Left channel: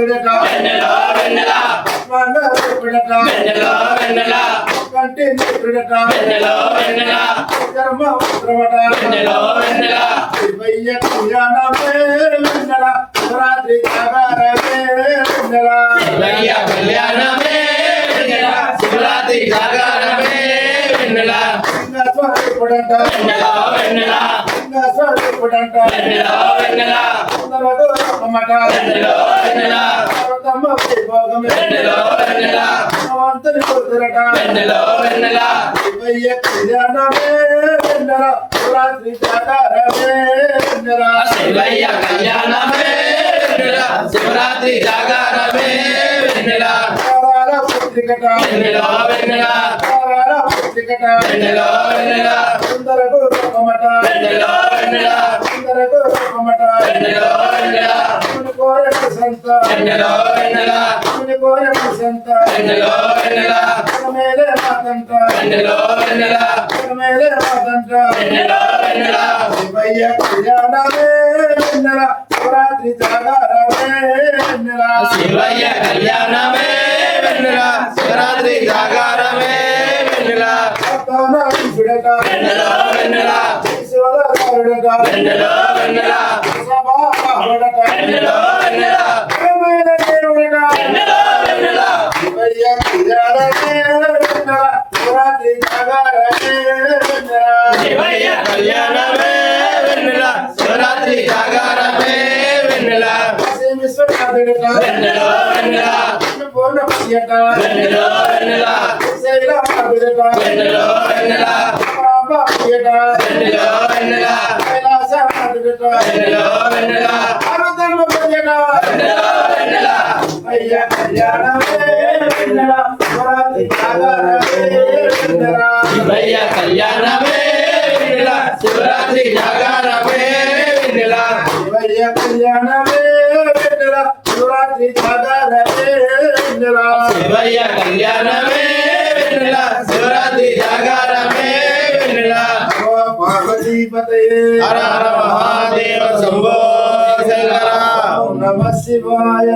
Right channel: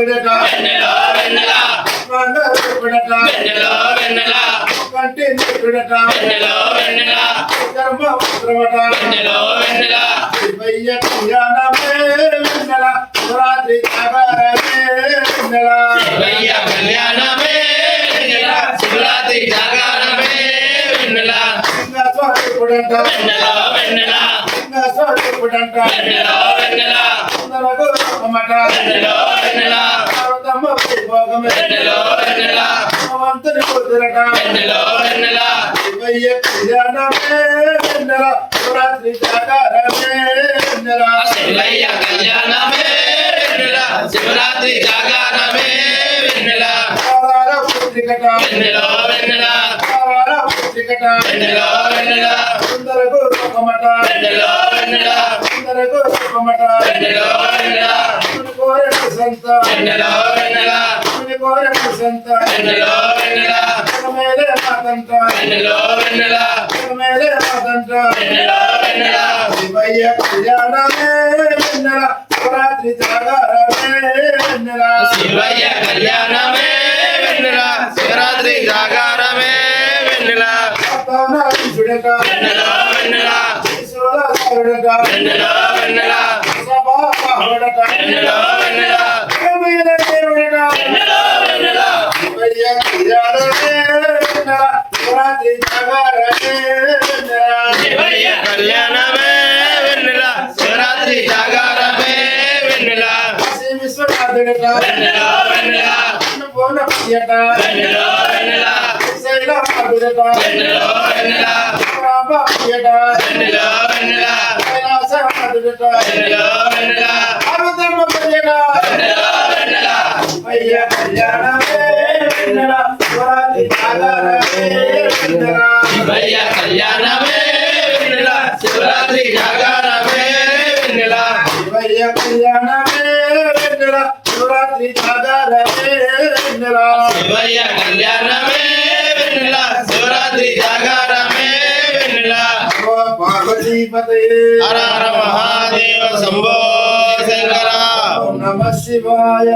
విడట వెన్నెలా వెన్నెలా విడట వెన్నెలా వెన్నెలా కంటి విడట వెన్నెలా వెన్నెలా కర్మ ఉద్రవట వెన్నెలా వెన్నెలా శివయ్య కళ్యాణమే వెన్నెల శివరాత్రి జాగారమే వెన్నెల శివయ్య కళ్యాణమే వెన్నెలా శివరాత్రి జాగారమే వెన్నెలా లింగ స్వరూపుడంట వెన్నెలా వెన్నెలా లింగ స్వరూపుడంట వెన్నెలా వెన్నెలా సుందరకు రూపమట వెన్నెలా వెన్నెలా పార్వతమ్మ వైభోగమే వెన్నెలా వెన్నెలా భగవంతుని కుదిరట వెన్నెలా వెన్నెలా శివయ్య కళ్యాణమే వెన్నెల శివరాత్రి జాగారమే వెన్నెల శివయ్య కళ్యాణమే వెన్నెలా శివరాత్రి జాగారమే వెన్నెలా తారాల పుత్రికట వెన్నెలా వెన్నెలా తారాల పుత్రికట వెన్నెలా వెన్నెలా సుందరకు రూపమట వెన్నెలా వెన్నెలా సుందరకు రూపమట వెన్నెలా వెన్నెలా ముని కోరె ప్రశంత వెన్నెలా వెన్నెలా ముని కోరె ప్రశంత వెన్నెలా వెన్నెలా మేలే మాతంట వెన్నెలా వెన్నెలా మేలే మాతంట వెన్నెలా వెన్నెలా శివయ్య కళ్యాణమే వెన్నెల శివరాత్రి జాగారమే వెన్నెల శివయ్య కళ్యాణమే వెన్నెలా శివరాత్రి జాగారమే వెన్నెలా చుడట వెన్నెలా వెన్నెలా ఈశ్వరుడట వెన్నెలా వెన్నెలా సభాడట వెన్నెలా వెన్నెలా మేలే దేవుడట వెన్నెలా వెన్నెలా శివయ్య కళ్యాణమే వెన్నెల శివరాత్రి జాగారమే వెన్నెల శివయ్య కళ్యాణమే వెన్నెలా శివరాత్రి జాగారమే వెన్నెలా విశ్వనాథుడట వెన్నెలా వెన్నెలా పూర్ణపతియట వెన్నెలా వెన్నెలా శైలమాధుడట వెన్నెలా వెన్నెలా రామప్రియట వెన్నెలా వెన్నెలా కైలాసనాథుడట వెన్నెలా వెన్నెలా పార్వతమ్మ ప్రియట వెన్నెలా వెన్నెలా అయ్య కళ్యాణమే వెన్నెల శివరాత్రి జాగారమే వెన్నెల శివయ్య కళ్యాణమే వెన్నెలా శివరాత్రి జాగారమే వెన్నెలా శివయ్య కళ్యాణమే వెన్నెల శివరాత్రి జాగారమే వెన్నెల శివయ్య కళ్యాణమే వెన్నెలా శివరాత్రి జాగారమే వెన్నెలా ఓ పార్వతీపతే హర హర మహాదేవ శంభో శంకర ఓం నమః శివాయ